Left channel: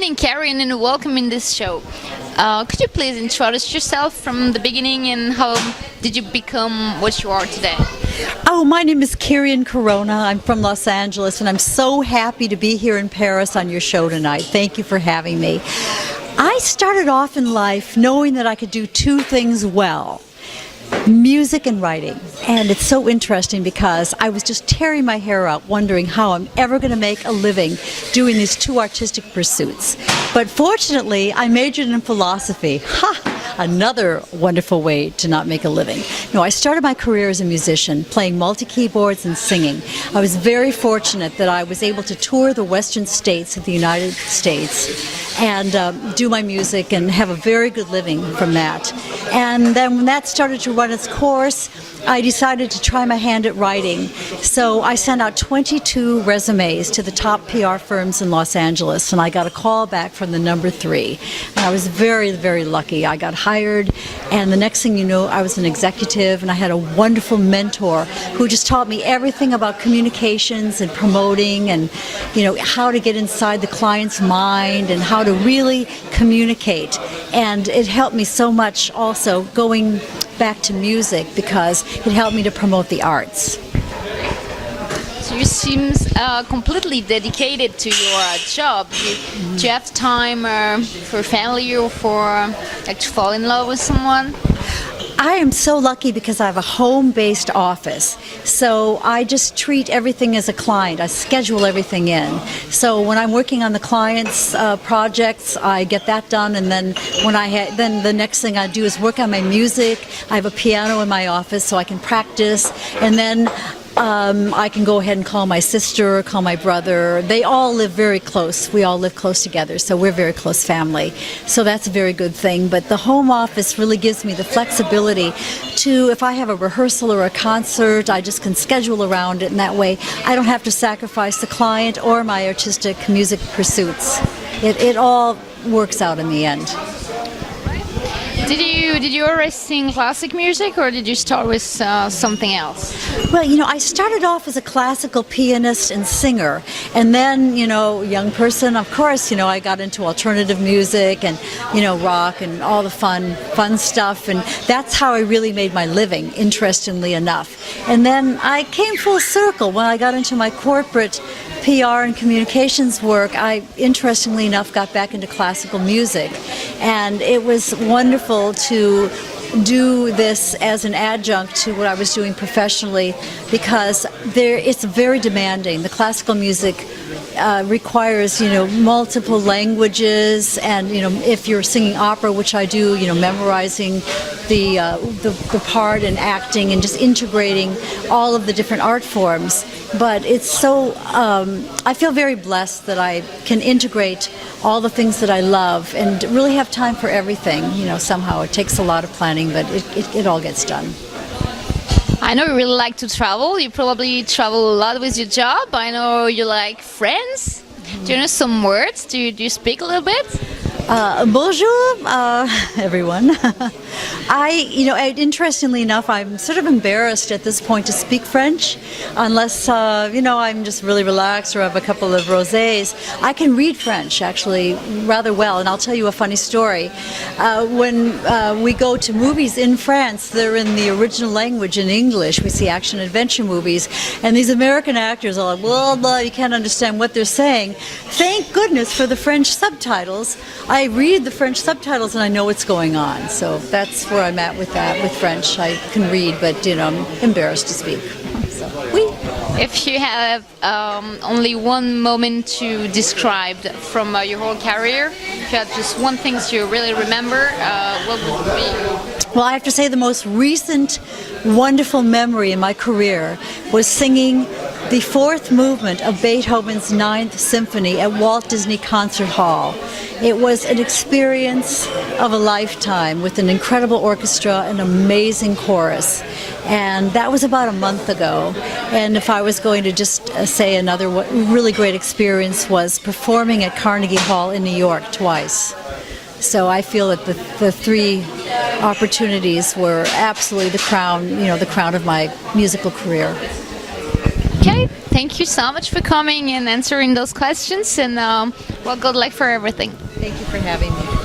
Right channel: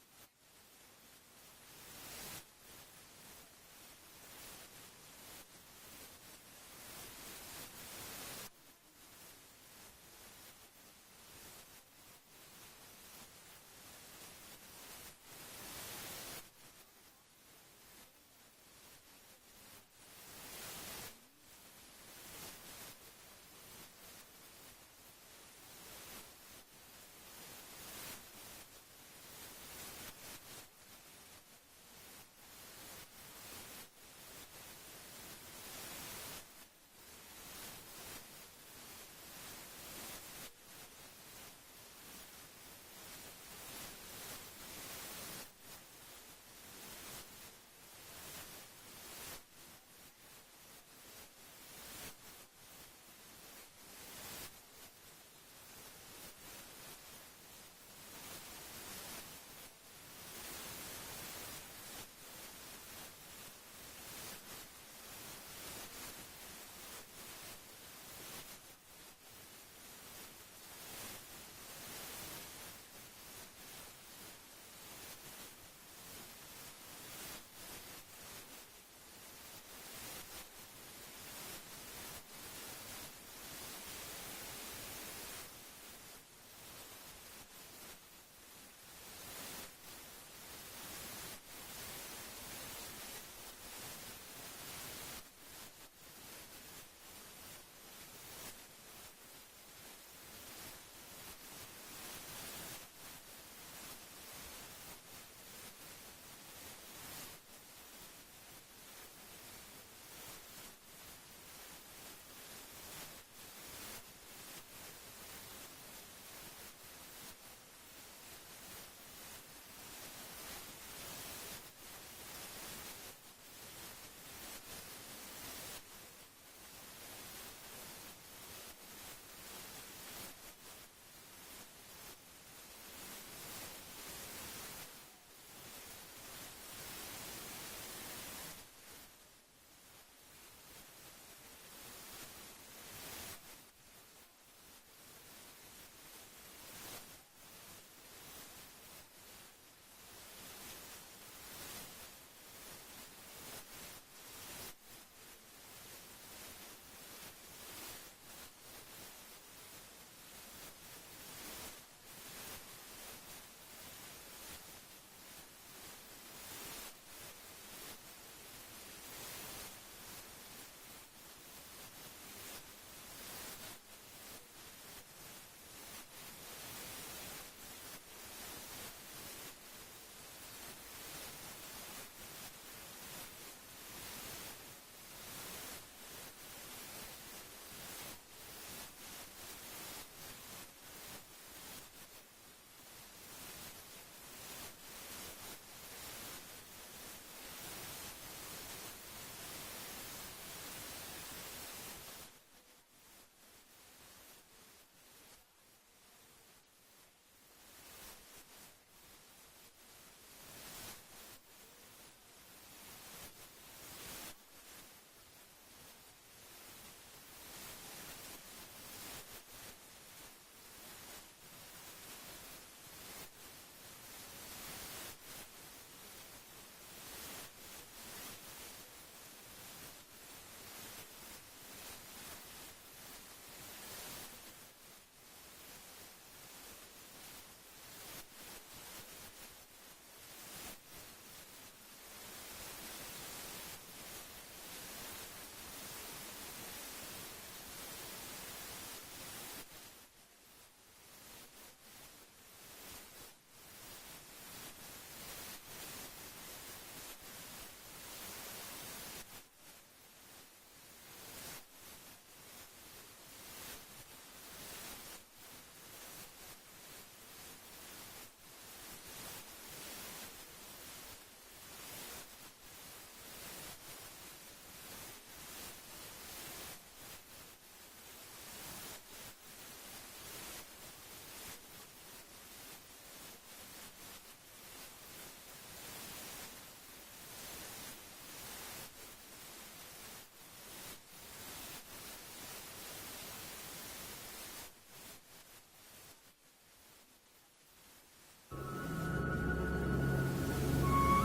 evening, Kyrian, and welcome in this show. Could you please introduce yourself from the beginning and how did you become what you are today? Oh, my name is Kyrian Corona. I'm from Los Angeles, and I'm so happy to be here in Paris on your show tonight. Thank you for having me. I started off in life knowing that I could do two things well: music and writing. And it's so interesting because I was just tearing my hair out wondering how I'm ever going to make a living doing these two artistic pursuits. But fortunately, I majored in philosophy. Another wonderful way to not make a living. No, I started my career as a musician, playing multi-keyboards and singing. I was very fortunate that I was able to tour the western states of the United States and do my music and have a very good living from that. And then when that started to run its course, I decided to try my hand at writing. So I sent out 22 resumes to the top PR firms in Los Angeles, and I got a call back from the number 3. And I was very, very lucky. I got hired, and the next thing you know, I was an executive, and I had a wonderful mentor who just taught me everything about communications and promoting and, you know, how to get inside the client's mind and how to really communicate. And it helped me so much also going back to music because it helped me to promote the arts. So you seem completely dedicated to your job. Do you have time for family or for to fall in love with someone? I am so lucky because I have a home-based office, so I just treat everything as a client. I schedule everything in. So when I'm working on the client's projects, I get that done, and then then the next thing I do is work on my music. I have a piano in my office so I can practice, and then I can go ahead and call my sister, call my brother. They all live very close. We all live close together, so we're a very close family. So that's a very good thing. But the home office really gives me the flexibility to, if I have a rehearsal or a concert, I just can schedule around it, and that way I don't have to sacrifice the client or my artistic music pursuits. It all works out in the end. Did you always sing classic music, or did you start with something else? Well, you know, I started off as a classical pianist and singer, and then, you know, young person, of course, you know, I got into alternative music and, you know, rock and all the fun stuff, and that's how I really made my living, interestingly enough. And then I came full circle when I got into my corporate PR and communications work. I, interestingly enough, got back into classical music, and it was wonderful to do this as an adjunct to what I was doing professionally because it's very demanding. The classical music requires, you know, multiple languages, and, you know, if you're singing opera, which I do, you know, memorizing the part and acting and just integrating all of the different art forms. But it's so, I feel very blessed that I can integrate all the things that I love and really have time for everything. You know, somehow it takes a lot of planning, but it all gets done. I know you really like to travel. You probably travel a lot with your job. I know you like French. Do you know some words? Do you speak a little bit? Bonjour, everyone. You know, interestingly enough, I'm sort of embarrassed at this point to speak French, unless, you know, I'm just really relaxed or have a couple of rosés. I can read French, actually, rather well, and I'll tell you a funny story. When we go to movies in France, they're in the original language in English. We see action-adventure movies, and these American actors are like, blah, blah, you can't understand what they're saying. Thank goodness for the French subtitles. I read the French subtitles and I know what's going on. So that's where I'm at with that, with French. I can read, but, you know, I'm embarrassed to speak. So, oui. If you have only one moment to describe from your whole career, if you had just one thing you really remember, what would it be? Well, I have to say the most recent wonderful memory in my career was singing the fourth movement of Beethoven's Ninth Symphony at Walt Disney Concert Hall. It was an experience of a lifetime with an incredible orchestra and amazing chorus. And that was about a month ago. And if I was going to just say another really great experience was performing at Carnegie Hall in New York twice. So I feel that the 3 opportunities were absolutely the crown, you know, the crown of my musical career. Okay, thank you so much for coming and answering those questions, and Well, good luck for everything. Thank you for having me.